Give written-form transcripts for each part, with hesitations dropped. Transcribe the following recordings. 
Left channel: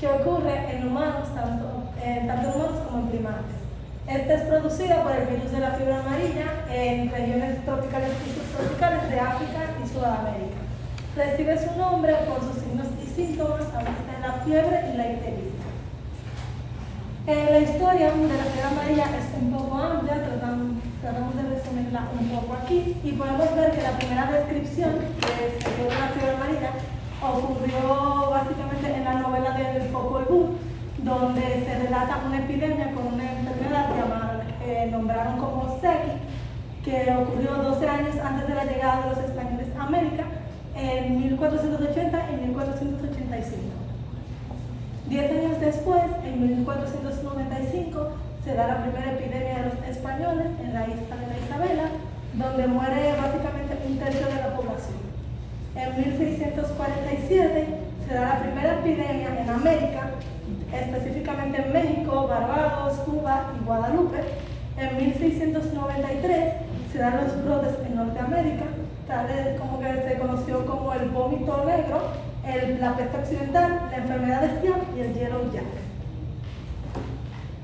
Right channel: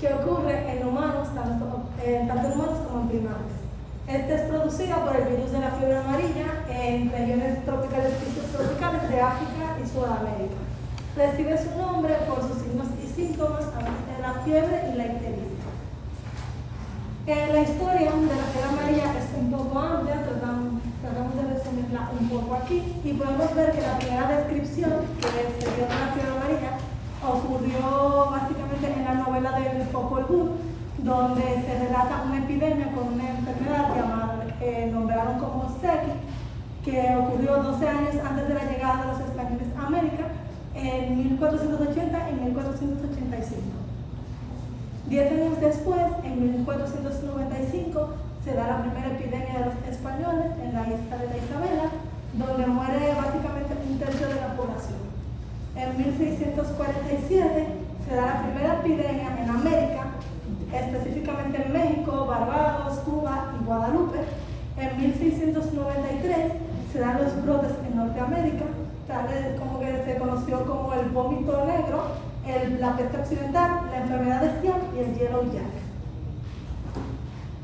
que ocurre en humanos, tanto en humanos como en primates. Esta es producida por el virus de la fiebre amarilla en regiones tropicales y subtropicales de África y Sudamérica. Recibe su nombre por sus signos y síntomas, además de la fiebre y la ictericia. La historia de la fiebre amarilla es un poco amplia, tratamos de resumirla un poco aquí, y podemos ver que la primera descripción que se dio de la fiebre amarilla ocurrió básicamente en la novela de Popol Vuh, donde se relata una epidemia con una enfermedad que nombraron como Seki, que ocurrió 12 años antes de la llegada de los españoles a América, en 1480 y 1485. 10 años después, en 1495, se da la primera epidemia de los españoles en la isla de la Isabela, donde muere básicamente un tercio de la población. En 1647 se da la primera epidemia en América, específicamente en México, Barbados, Cuba y Guadalupe. En 1693 se dan los brotes en Norteamérica, tales como que se conoció como el vómito negro, la peste occidental, la enfermedad de Siam y el Yellow Jack.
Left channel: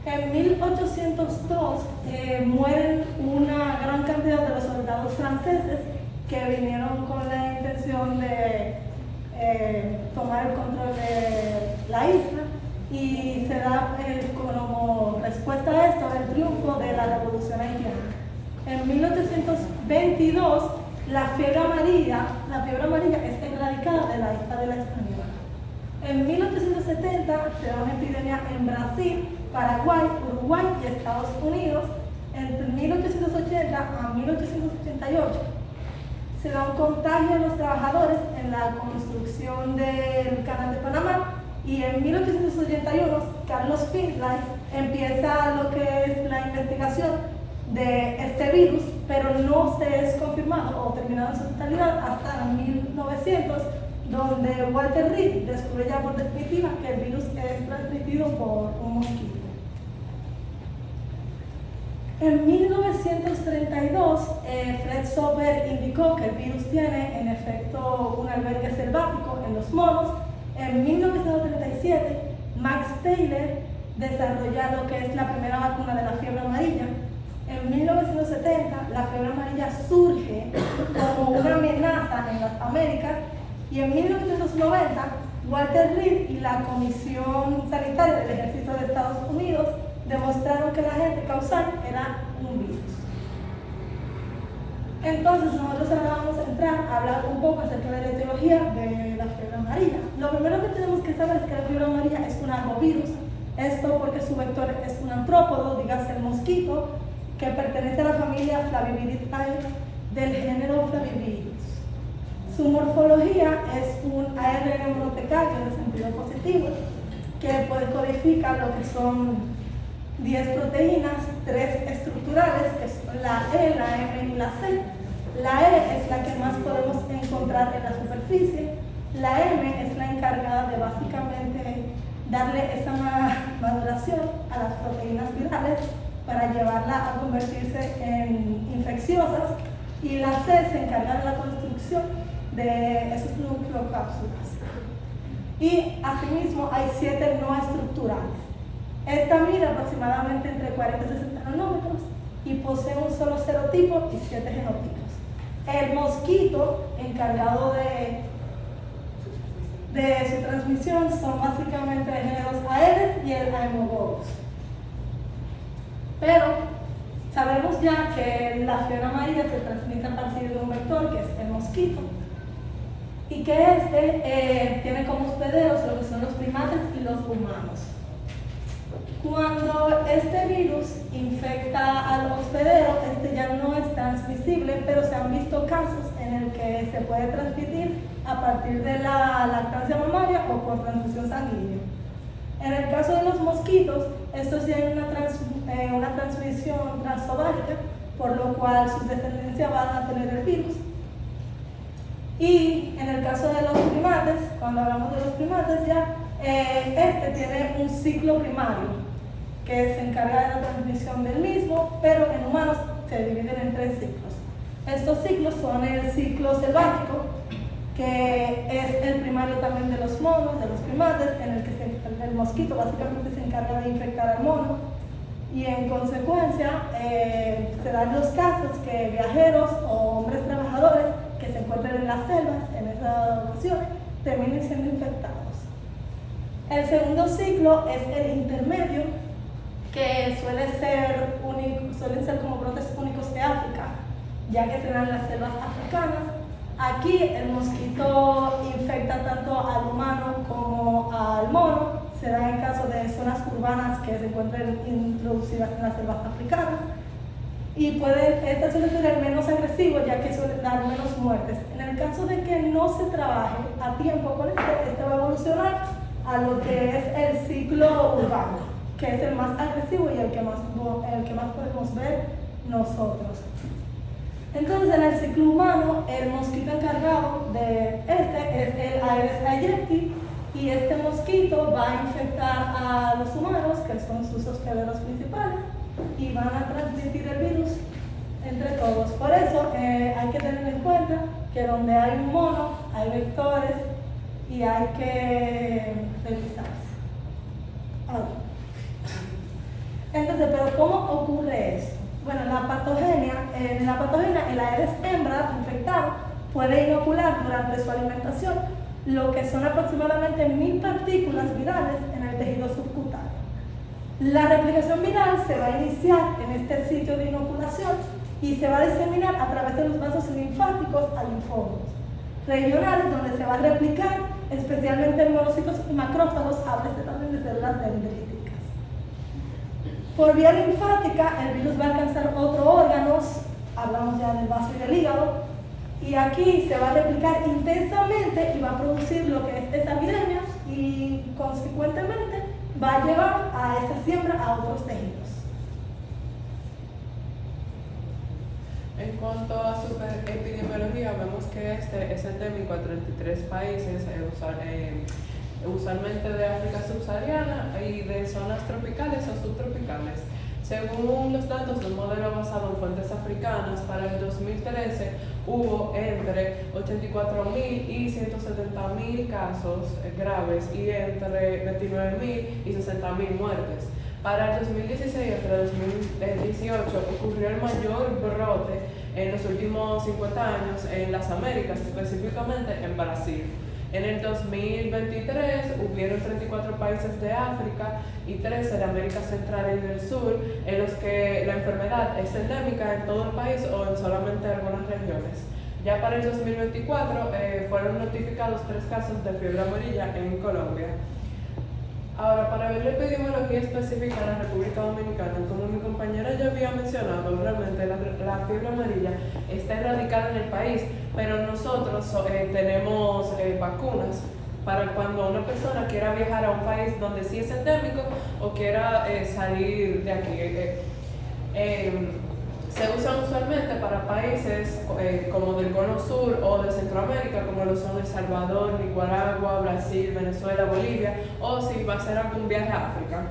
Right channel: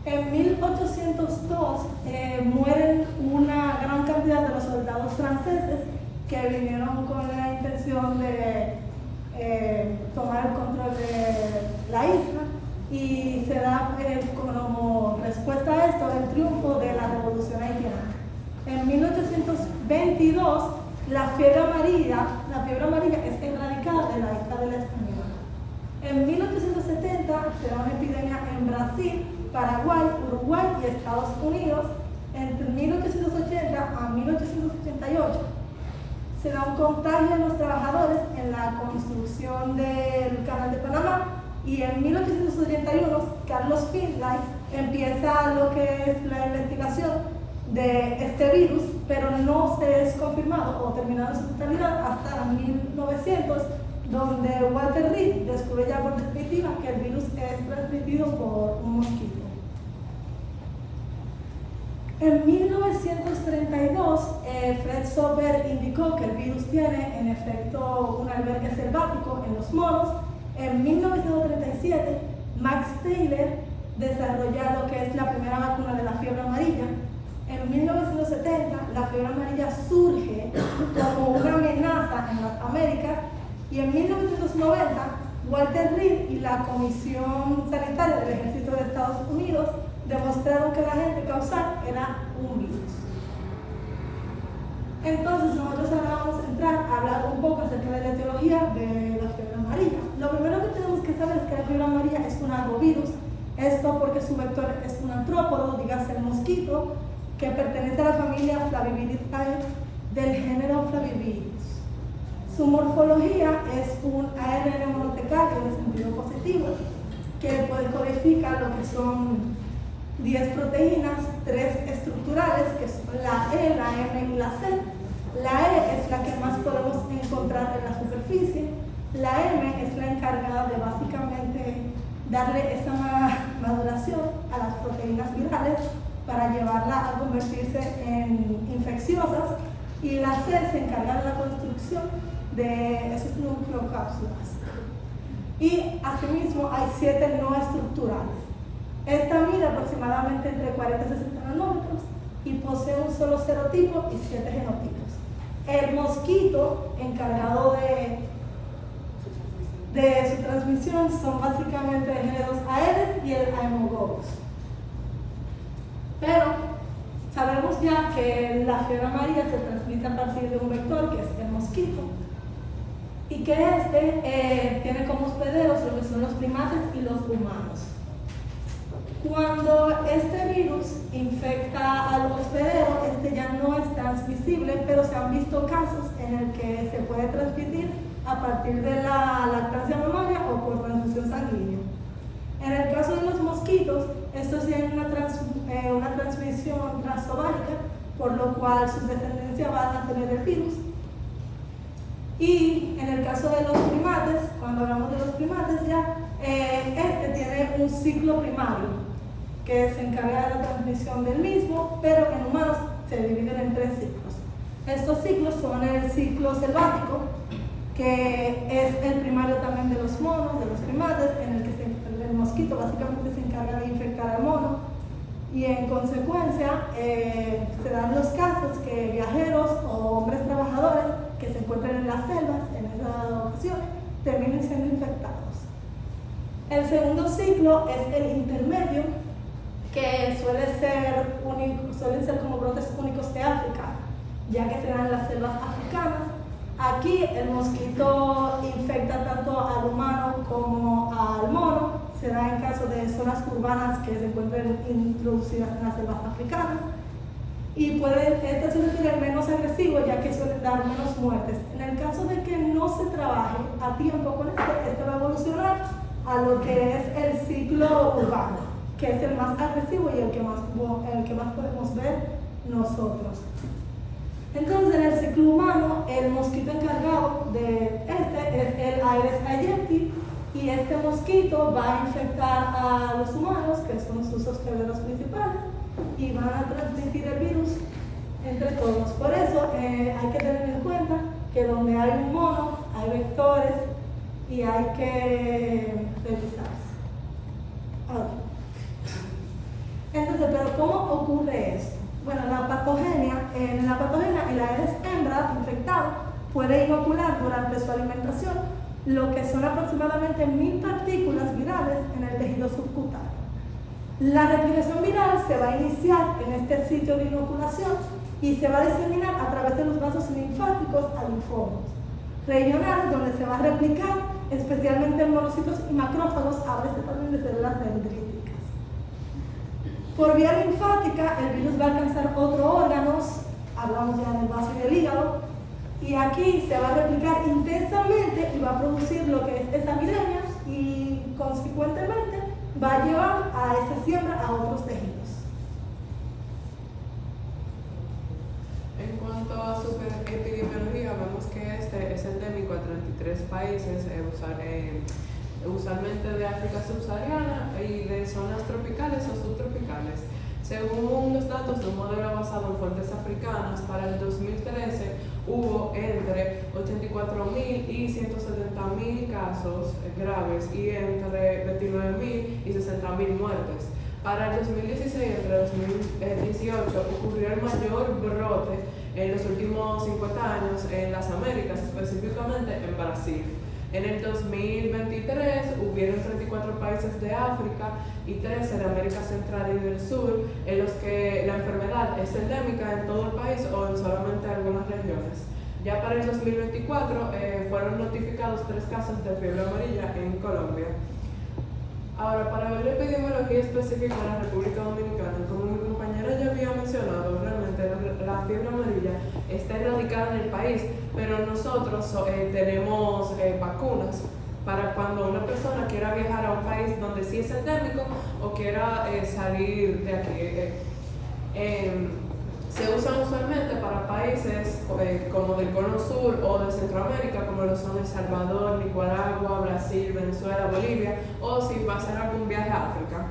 En 1802 mueren una gran cantidad de los soldados franceses que vinieron con la intención de tomar el control de la isla, y se da como respuesta a esto el triunfo de la Revolución Haitiana. En 1822 la fiebre amarilla es erradicada de la isla de la Española. En 1870 se da una epidemia en Brasil, Paraguay, Uruguay y Estados Unidos. Entre 1880 a 1888 se da un contagio de los trabajadores en la construcción del Canal de Panamá, y en 1881 Carlos Finlay empieza lo que es la investigación de este virus, pero no se es confirmado o terminado en su totalidad hasta 1900, donde Walter Reed descubre ya por definitiva que el virus es transmitido por un mosquito. En 1932, Fred Soper indicó que el virus tiene en efecto un albergue selvático en los monos. En 1937, Max Taylor desarrolla lo que es la primera vacuna de la fiebre amarilla. En 1970, la fiebre amarilla surge como una amenaza en las Américas, y en 1990, Walter Reed y la Comisión Sanitaria del Ejército de Estados Unidos demostraron que el agente causal era un virus. Entonces nosotros ahora vamos a entrar a hablar un poco acerca de la etiología de la fiebre amarilla. Lo primero que tenemos que saber es que la fiebre amarilla es un arbovirus, esto porque su vector es un artrópodo, dígase el mosquito, que pertenece a la familia Flaviviridae del género Flavivirus. Su morfología es un ARN monotecario de sentido positivo, que codifica lo que son 10 proteínas, 3 estructurales, que son la E, la M y la C. La E es la que más podemos encontrar en la superficie. La M es la encargada de básicamente darle esa maduración a las proteínas virales para llevarla a convertirse en infecciosas, y la C se encarga de la construcción de esos nucleocápsulas. Y asimismo hay 7 no estructurales. Esta mide aproximadamente entre 40 y 60 nanómetros y posee un solo serotipo y 7 genotipos. El mosquito encargado de su transmisión son básicamente de géneros Aedes y el Haemococcus. Pero sabemos ya que la fiebre amarilla se transmite a partir de un vector, que es el mosquito, y que tiene como hospederos lo que son los primates y los humanos. Cuando este virus infecta al hospedero, ya no es transmisible, pero se han visto casos en el que se puede transmitir a partir de la lactancia mamaria o por transfusión sanguínea. En el caso de los mosquitos, estos tienen una transmisión transovárica, por lo cual sus descendencia van a tener el virus. Y en el caso de los primates, cuando hablamos de los primates ya, tiene un ciclo primario que se encarga de la transmisión del mismo, pero en humanos se dividen en 3 ciclos. Estos ciclos son el ciclo selvático, que es el primario también de los monos, de los primates, en el que el mosquito básicamente se encarga de infectar al mono. Y en consecuencia se dan los casos que viajeros o hombres trabajadores que se encuentran en las selvas en esas ocasiones terminen siendo infectados. El segundo ciclo es el intermedio, que suele ser como brotes únicos de África, ya que se dan en las selvas africanas. Aquí el mosquito infecta tanto al humano como al mono. Se da en caso de zonas urbanas que se encuentren introducidas en las selvas africanas. Y este suele ser el menos agresivo, ya que suele dar menos muertes. En el caso de que no se trabaje a tiempo con este va a evolucionar a lo que es el ciclo urbano, que es el más agresivo y el que más podemos ver nosotros. Entonces, en el ciclo humano, el mosquito encargado de es el Aedes aegypti, y este mosquito va a infectar a los humanos, que son sus hospederos principales, y van a transmitir el virus entre todos. Por eso hay que tener en cuenta que donde hay un mono, hay vectores y hay que revisarse. Entonces, ¿pero cómo ocurre esto? Bueno, en la patogenia, el Aedes hembra infectado puede inocular durante su alimentación lo que son aproximadamente 1000 partículas virales en el tejido subcutáneo. La replicación viral se va a iniciar en este sitio de inoculación y se va a diseminar a través de los vasos linfáticos a linfómenos regionales, donde se va a replicar especialmente en monocitos y macrófagos, a veces también de células dendríticas. Por vía linfática, el virus va a alcanzar otros órganos, hablamos ya del vaso y del hígado, y aquí se va a replicar intensamente y va a producir lo que es esa epidemia y consecuentemente va a llevar a esa siembra a otros tejidos. En cuanto a su epidemiología, vemos que este es endémico a 33 países, usualmente de África subsahariana y de zonas tropicales o subtropicales. Según los datos de un modelo basado en fuentes africanas, para el 2013 hubo entre 84.000 y 170.000 casos graves y entre 29.000 y 60.000 muertes. Para el 2016 entre 2018 ocurrió el mayor brote en los últimos 50 años en las Américas, específicamente en Brasil. En el 2023 hubieron 34 países de África y 13 de América Central y del Sur en los que la enfermedad es endémica en todo el país o en solamente algunas regiones. Ya para el 2024 fueron notificados 3 casos de fiebre amarilla en Colombia. Ahora, para ver la epidemiología específica en la República Dominicana, como mi compañera ya había mencionado, realmente la fiebre amarilla está erradicada en el país, pero nosotros tenemos vacunas para cuando una persona quiera viajar a un país donde sí es endémico o quiera salir de aquí. Se usan usualmente para países como del Cono Sur o de Centroamérica, como lo son El Salvador, Nicaragua, Brasil, Venezuela, Bolivia, o si va a ser algún viaje a África.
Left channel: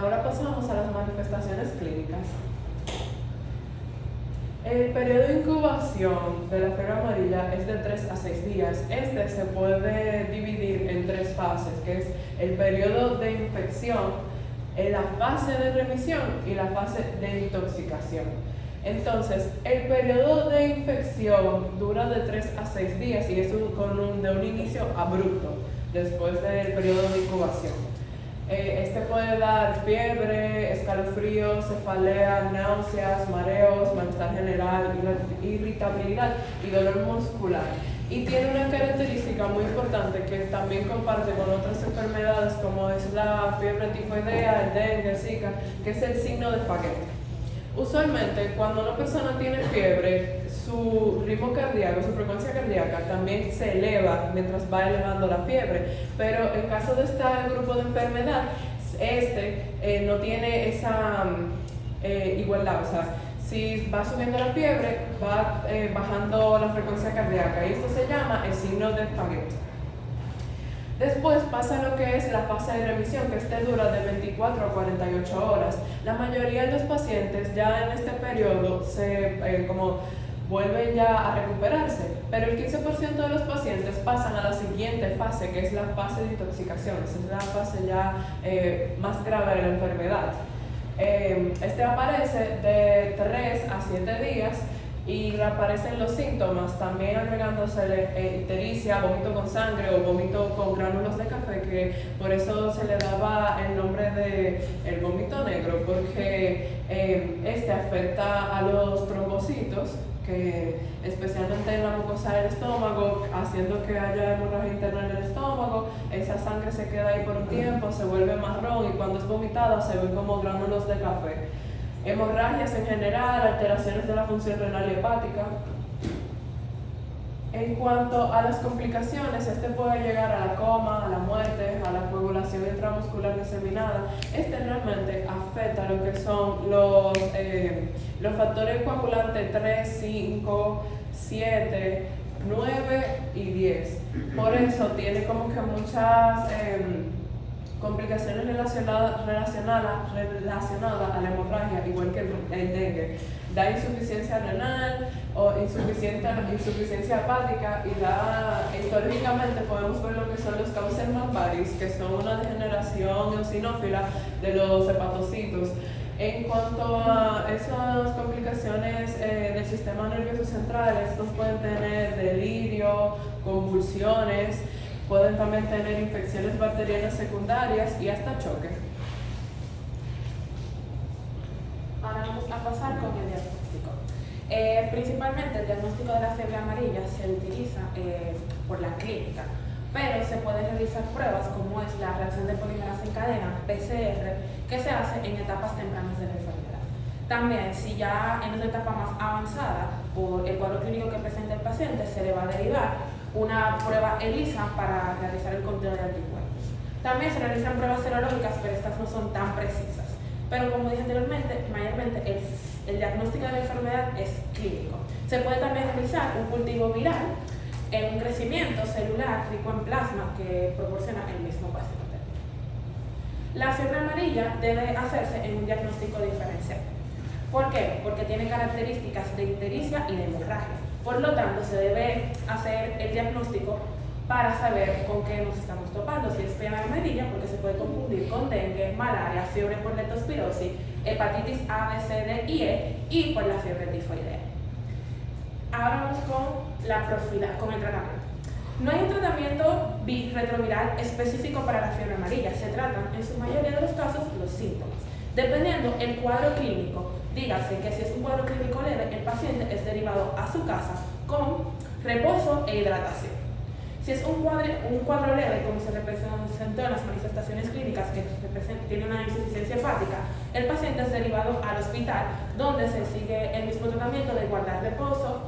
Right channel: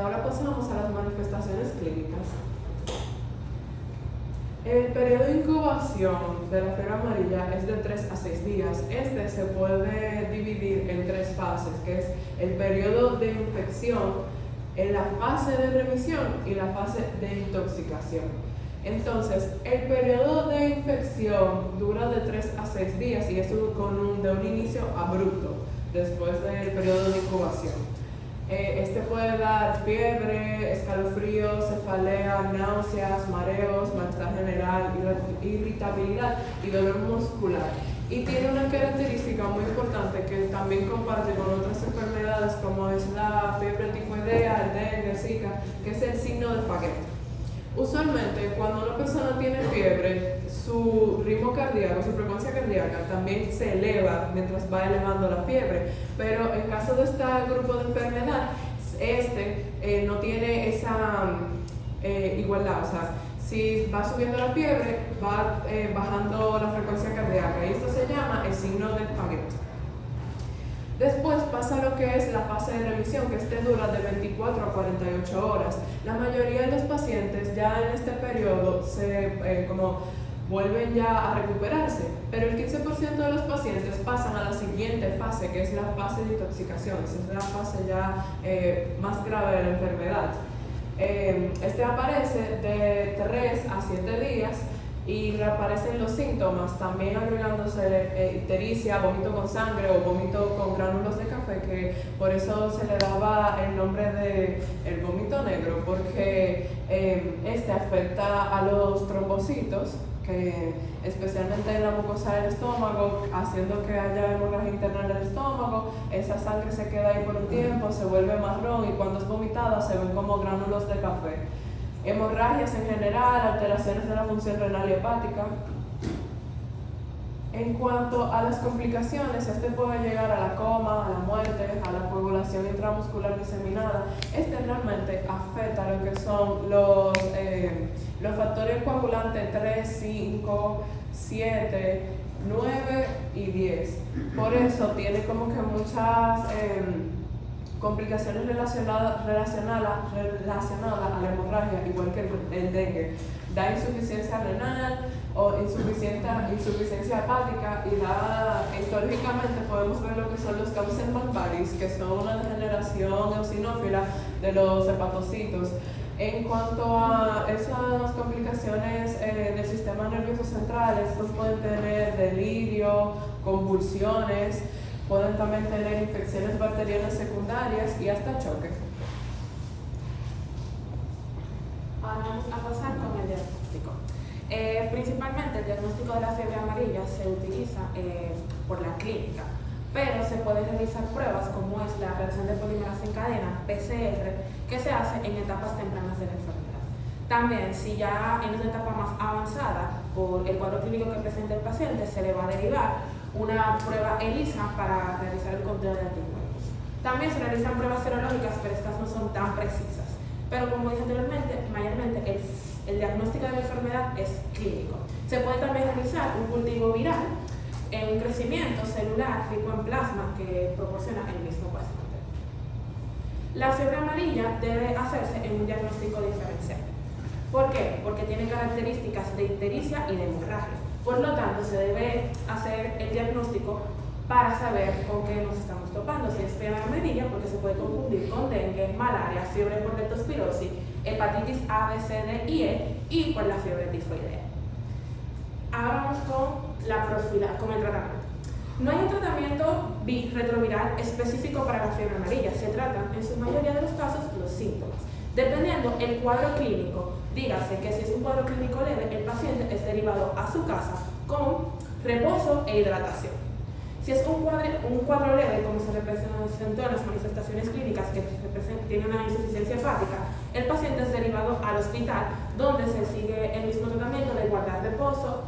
Ahora pasamos a las manifestaciones clínicas. El periodo de incubación de la fiebre amarilla es de 3 a 6 días. Este se puede dividir en 3 fases, que es el periodo de infección, la fase de remisión y la fase de intoxicación. Entonces, el periodo de infección dura de 3 a 6 días y es de un inicio abrupto después del periodo de incubación. Este puede dar fiebre, escalofríos, cefalea, náuseas, mareos, malestar general, irritabilidad y dolor muscular. Y tiene una característica muy importante que también comparte con otras enfermedades como es la fiebre tifoidea, el dengue, el zika, que es el signo de Faguet. Usualmente cuando una persona tiene fiebre, su ritmo cardíaco, su frecuencia cardíaca también se eleva mientras va elevando la fiebre, pero en caso de este grupo de enfermedad, no tiene esa igualdad, o sea, si va subiendo la fiebre, va bajando la frecuencia cardíaca y esto se llama el signo de Faguet. Después pasa lo que es la fase de remisión, que dura de 24 a 48 horas. La mayoría de los pacientes ya en este periodo vuelven ya a recuperarse, pero el 15% de los pacientes pasan a la siguiente fase, que es la fase de intoxicación. Esa es la fase ya más grave de la enfermedad. Este aparece de 3 a 7 días y reaparecen los síntomas, también agregándose ictericia, vómito con sangre o vómito con gránulos de café, que por eso se le daba el nombre de el vómito negro, porque este afecta a los trombocitos, que especialmente en la mucosa del estómago, haciendo que haya hemorragia interna en el estómago. Esa sangre se queda ahí por un tiempo, se vuelve marrón y cuando es vomitada se ven como gránulos de café. Hemorragias en general, alteraciones de la función renal y hepática. En cuanto a las complicaciones, este puede llegar a la coma, a la muerte, a la coagulación intramuscular diseminada. Este realmente afecta lo que son los factores coagulantes 3, 5, 7, 9 y 10. Por eso tiene como que muchas complicaciones relacionadas a la hemorragia, igual que el dengue. Da insuficiencia renal o insuficiencia hepática y históricamente podemos ver lo que son los cauces malvaris, que son una degeneración eosinófila de los hepatocitos. En cuanto a esas complicaciones del sistema nervioso central, estos pueden tener delirio, convulsiones, pueden también tener infecciones bacterianas secundarias y hasta choques. Ahora vamos a pasar con el diagnóstico. Principalmente el diagnóstico de la fiebre amarilla se utiliza por la clínica, pero se pueden realizar pruebas como es la reacción de polimerasa en cadena, PCR, que se hace en etapas tempranas de la enfermedad. También, si ya en una etapa más avanzada, por el cuadro clínico que presenta el paciente, se le va a derivar una prueba ELISA para realizar el conteo de anticuerpos. También se realizan pruebas serológicas, pero estas no son tan precisas. Pero como dije anteriormente, mayormente el diagnóstico de la enfermedad es clínico. Se puede también realizar un cultivo viral en un crecimiento celular rico en plasma que proporciona el mismo paciente. La fiebre amarilla debe hacerse en un diagnóstico diferencial. ¿Por qué? Porque tiene características de ictericia y de hemorragia. Por lo tanto, se debe hacer el diagnóstico para saber con qué nos estamos topando. Si es fiebre amarilla, porque se puede confundir con dengue, malaria, fiebre por leptospirosis, hepatitis A, B, C, D y E y por la fiebre tifoidea. Ahora vamos con el tratamiento. No hay un tratamiento retroviral específico para la fiebre amarilla. Se tratan, en su mayoría de los casos, los síntomas. Dependiendo el cuadro clínico, dígase que si es un cuadro clínico leve, el paciente es derivado a su casa con reposo e hidratación. Si es un cuadro leve, como se representó en las manifestaciones clínicas, que tiene una insuficiencia hepática, el paciente es derivado al hospital, donde se sigue el mismo tratamiento de guardar reposo,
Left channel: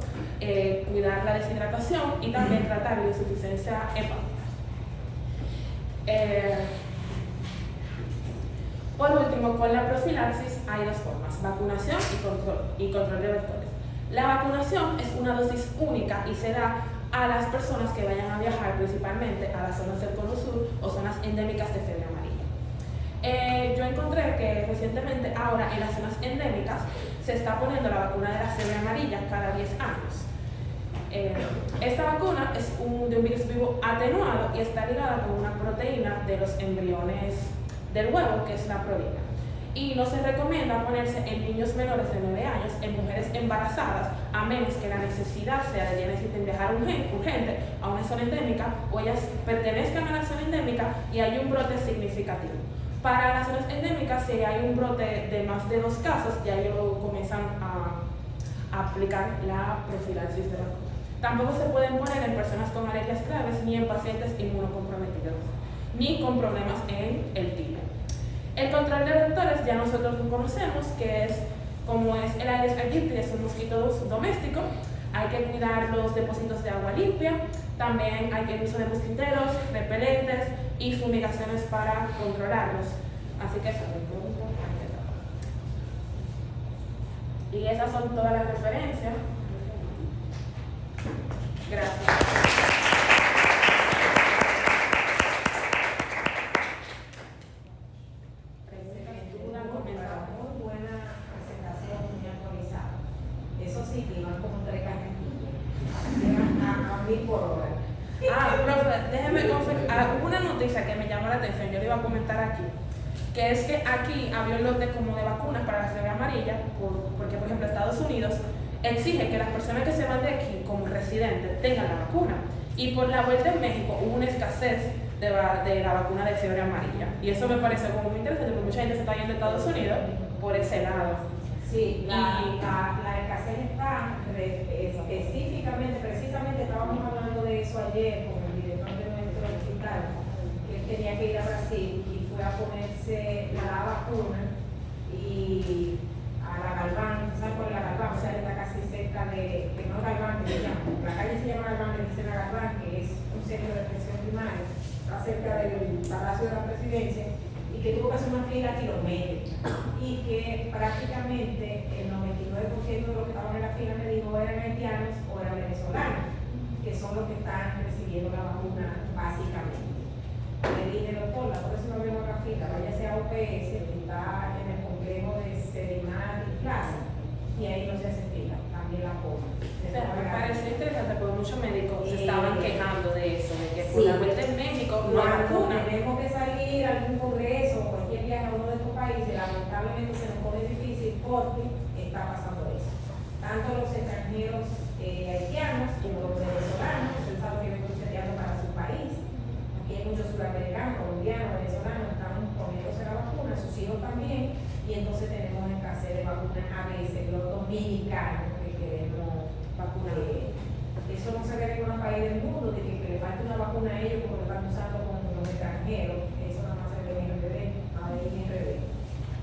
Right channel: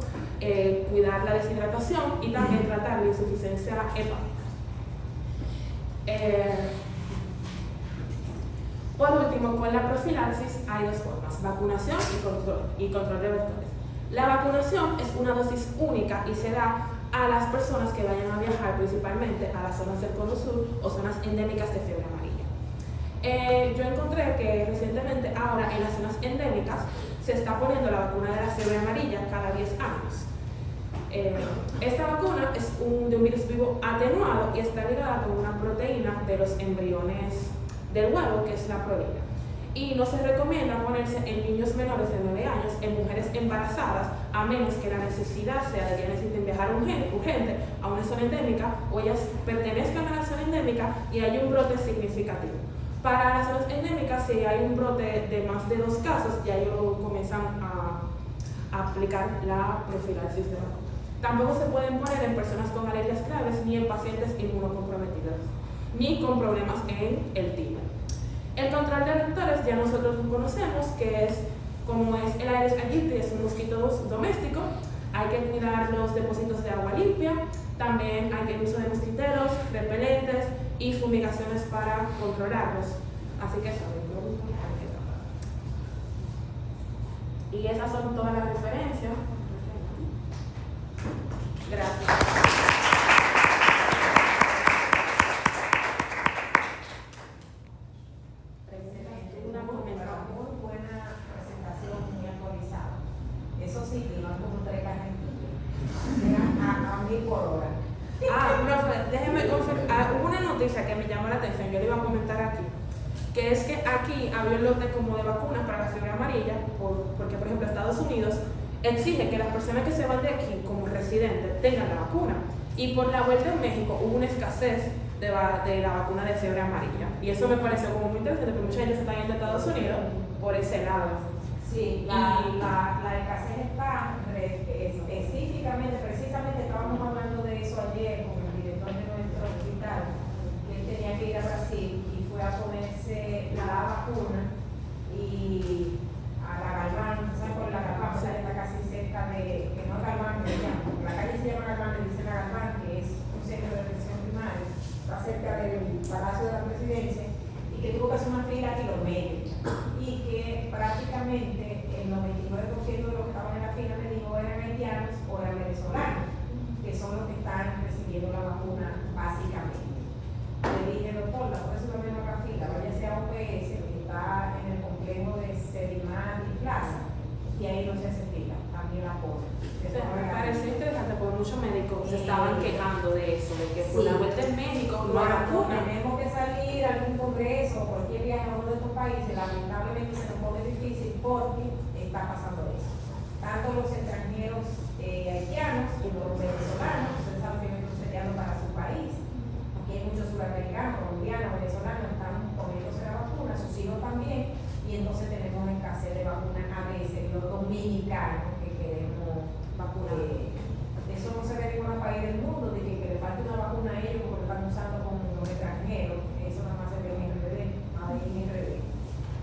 cuidar la deshidratación y también tratar la insuficiencia hepática. Por último, con la profilaxis hay dos formas: vacunación y control de vectores. La vacunación es una dosis única y se da a las personas que vayan a viajar principalmente a las zonas del Cono Sur o zonas endémicas de fiebre amarilla. Yo encontré que recientemente ahora en las zonas endémicas se está poniendo la vacuna de la fiebre amarilla cada 10 años. Esta vacuna es de un virus vivo atenuado y está ligada con una proteína de los embriones del huevo, que es la prolina. Y no se recomienda ponerse en niños menores de 9 años, en mujeres embarazadas, a menos que la necesidad sea de que necesiten viajar urgente a una zona endémica o ellas pertenezcan a la zona endémica y hay un brote significativo. Para las zonas endémicas, si hay un brote de más de 2 casos, ya ellos comienzan a aplicar la profilaxis de vacuna. Tampoco se pueden poner en personas con alergias graves ni en pacientes inmunocomprometidos, ni con problemas en el timo. El control de vectores ya nosotros lo conocemos, que es como es el Aedes aegypti, es un mosquito doméstico. Hay que tirar los depósitos de agua limpia, también hay que uso de mosquiteros, repelentes y fumigaciones para controlarlos. Así que eso es muy importante. Y esas son todas las referencias. Gracias. Eso sí, que iban como 3 cajas déjeme confirmar. Hubo una noticia que me llamó la atención, yo le iba a comentar aquí, que es que aquí había un lote como de vacunas para la fiebre amarilla, porque por ejemplo Estados Unidos exige que las personas que se van de aquí como residentes tengan la vacuna. Y por la vuelta en México hubo una escasez de la vacuna de fiebre amarilla. Y eso me pareció como muy interesante, porque mucha gente se está yendo a Estados Unidos por ese lado. Sí, la escasez está específicamente, precisamente estábamos hablando de eso ayer con el director de nuestro hospital, que él tenía que ir a Brasil y fue a ponerse la vacuna y a la Galván, ¿sabes por la Galván? O sea, está casi cerca de, que no es Galván, la calle se llama Galván, le dicen a Galván, que es un centro de atención primaria, está cerca del Palacio de la Presidencia, y que tuvo que hacer una fila kilométrica, y que prácticamente el 99% de los que estaban en la fila, me dijo, eran haitianos o eran venezolanos, que son los que están recibiendo la vacuna básicamente. Le dije, doctor, la próxima vez no haga fila, váyase a OPS, que está en el complejo de Sedimán y Plaza, y ahí no se hace fila, también la ponen. Me pareció interesante porque muchos médicos se estaban quejando de eso, de que por Sí. la vuelta en México no hay vacuna. Tenemos que salir a algún congreso, cualquier viaje a uno de estos países, lamentablemente se nos pone difícil porque está pasando eso. Tanto los extranjeros haitianos como los venezolanos, ustedes saben que vienen procediendo para su país. Aquí hay muchos sudamericanos, colombianos, venezolanos, están poniéndose la vacuna, sus hijos también, y entonces tenemos escasez de vacunas a veces, los dominicanos que queremos vacunar. Eso no se ve en ningún país del mundo, de que le falte una vacuna a ellos porque lo están usando con los extranjeros. Eso nada más se ve en el bebé, ahí en el bebé.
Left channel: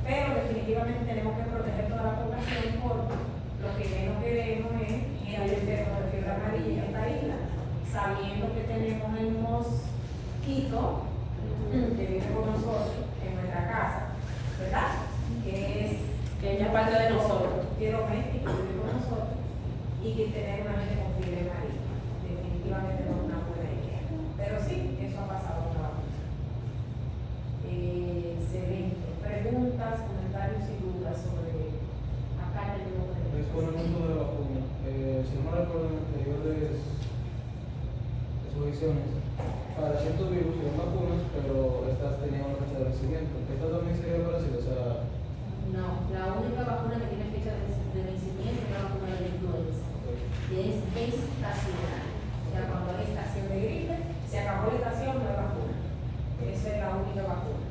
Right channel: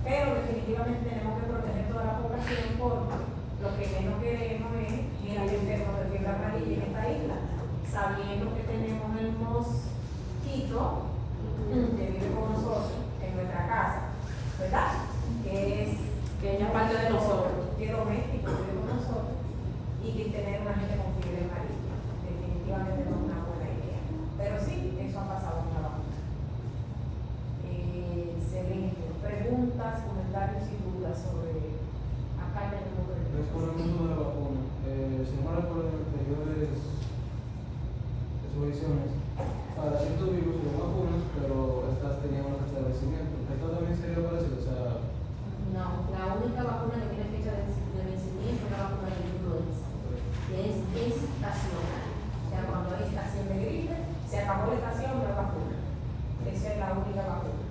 Pero definitivamente tenemos que proteger toda la población porque lo que menos queremos es que haya enfermos de fiebre amarilla en esta isla, sabiendo que tenemos el mosquito que vive con nosotros en nuestra casa, ¿verdad? Que ella es parte de nosotros. Que es doméstico, que vive con nosotros, y que tener una gente con fiebre amarilla. Definitivamente no es una buena idea. Pero sí, eso ha pasado con la vacuna. Excelente. Preguntas, comentarios y dudas sobre acá tenemos Es con el uso de la vacuna. Si no me recuerdo en anteriores exposiciones, para ciertos virus hay vacunas, pero estas tenían una fecha de vencimiento. Esto también sería parecido, o sea, No, la única vacuna que tiene fecha de vencimiento es la vacuna de influenza. Es estacional. O sea, cuando hay estación de gripe, se acabó la estación de la vacuna. Esa es la única vacuna.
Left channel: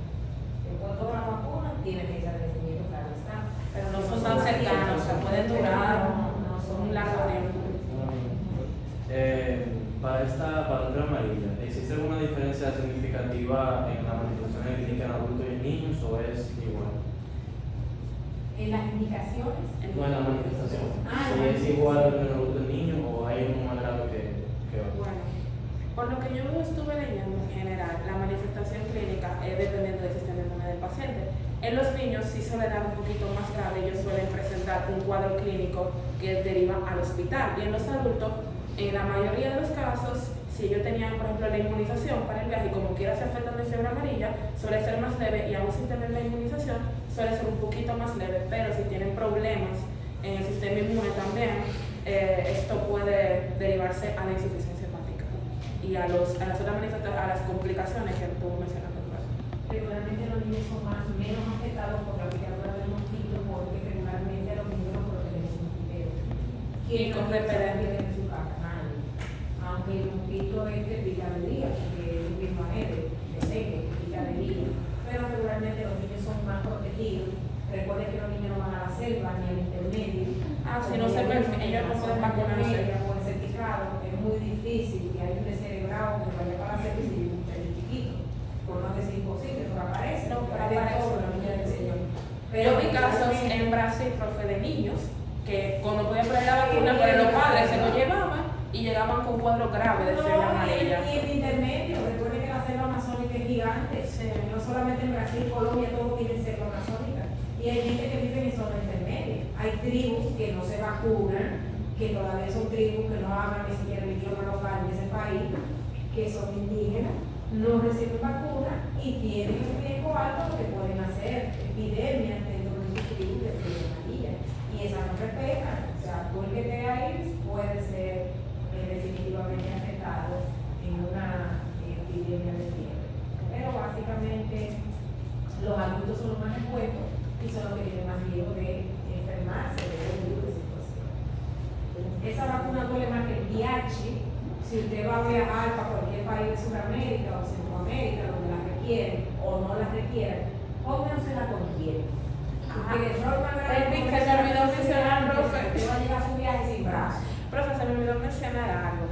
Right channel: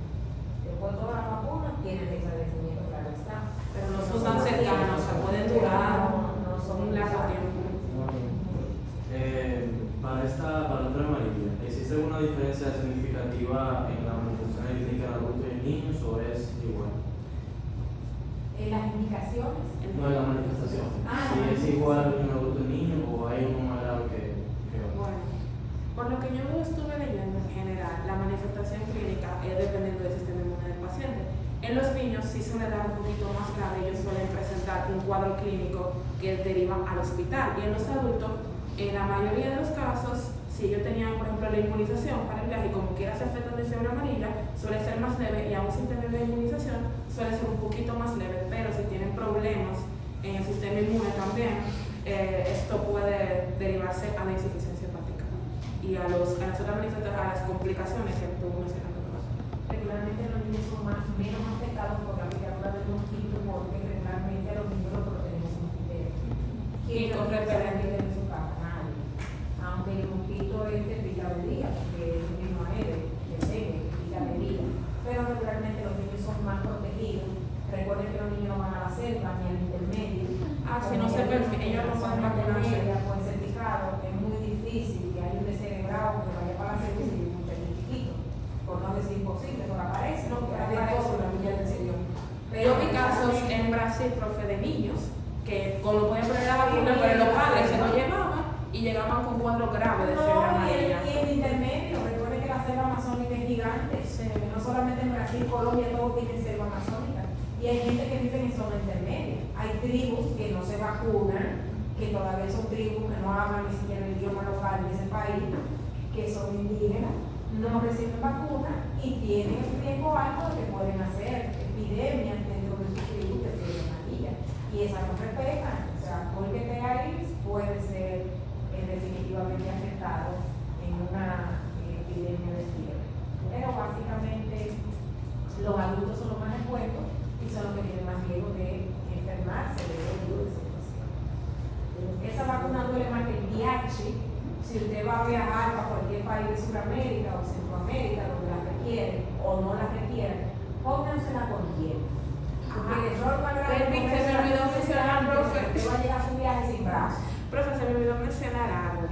Después todas las vacunas tienen fecha de vencimiento, claro está. Pero no son tan cercanos, o sea, pueden durar No son un largo tiempo. Para la fiebre amarilla, ¿existe alguna diferencia significativa en la manifestación clínica en adultos y niños o es igual? En las indicaciones. No en la manifestación. Ah, Si es igual en adultos y niños o hay un más grado que otro. Bueno, por lo que yo estuve leyendo en general, la manifestación clínica es dependiendo del sistema inmune del paciente. En los niños sí suele dar un poquito más grave, ellos suelen presentar un cuadro clínico que deriva al hospital. Y en los adultos, en la mayoría de los casos, si ellos tenían, por ejemplo, la inmunización para el viaje y como quiera se afectan de fiebre amarilla, suele ser más leve y aún sin tener la inmunización, suele ser un poquito más leve, pero si tienen problemas en el sistema inmune también, esto puede derivarse a la insuficiencia hepática y a las otras manifestaciones, a las complicaciones que tú mencionaste. Regularmente los niños son menos afectados por la picadura del mosquito porque regularmente los niños lo protegen con pipeta. Y con repelente. En su casa, nadie. Aunque el mosquito pica de día, porque es un mismo aéreo, de serie, pica de día. Pero regularmente los niños son más protegidos. Recuerden que los niños no van a la selva ni al intermedio. Si no se permite, ellos no pueden vacunarse. Con certificado, es muy difícil que haya un descerebrado que vaya para la selva y se lleve un muchacho chiquito. Por no decir imposible, porque aparece. No, pero De aparece. todo, la niña del Señor. Yo vi casos en Brasil, profe, de niños que cuando podían poner la vacuna, pero los padres se lo llevaban y llegaban con un cuadro grave de fiebre amarilla. Y en intermedio, recuerden que la selva amazónica es gigante. No solamente en Brasil, Colombia, todos tienen selva amazónica. Y hay gente que vive en zona intermedia. Hay tribus que no se vacunan, que todavía son tribus que no hablan ni siquiera el idioma local de ese país, que son indígenas, no reciben vacuna y tienen un riesgo alto que pueden hacer epidemias dentro de sus tribus de fiebre amarilla. Y esas no respetan. O sea, tú el que te ahí puede ser definitivamente afectado en una chip. Si usted va a viajar para cualquier país de Sudamérica o Centroamérica, donde la requiere o no la requiere, póngansela con tiempo. Porque de forma Se me olvidó mencionar, profe. usted va a llegar a su viaje sin brazos. Profe, se me olvidó mencionar algo,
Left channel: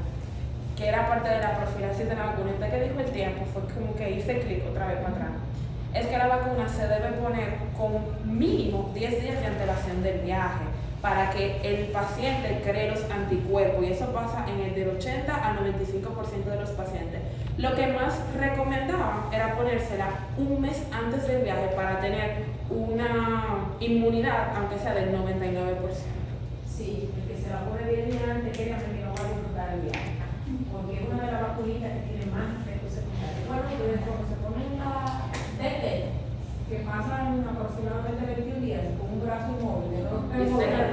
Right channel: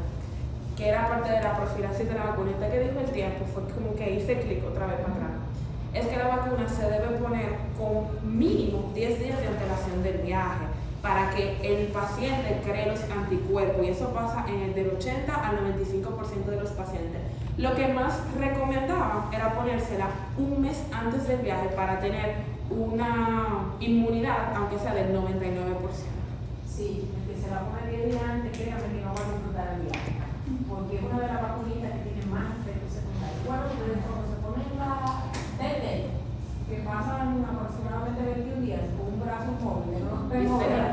que era parte de la profilaxis de la vacuna. Este que dijo el tiempo fue como que hice clic otra vez para atrás. Es que la vacuna se debe poner con mínimo 10 días de antelación del viaje para que el paciente cree los anticuerpos, y eso pasa en el del 80 al 95% de los pacientes. Lo que más recomendaban era ponérsela un mes antes del viaje para tener una inmunidad, aunque sea del 99%. Sí, porque se la pone 10 días antes, créanme que no va a disfrutar el viaje. Porque es una de las vacunitas que tiene más efectos secundarios. Bueno, ustedes cuando se ponen la DT, que pasan aproximadamente 21 días con un brazo inmóvil, de no Y se la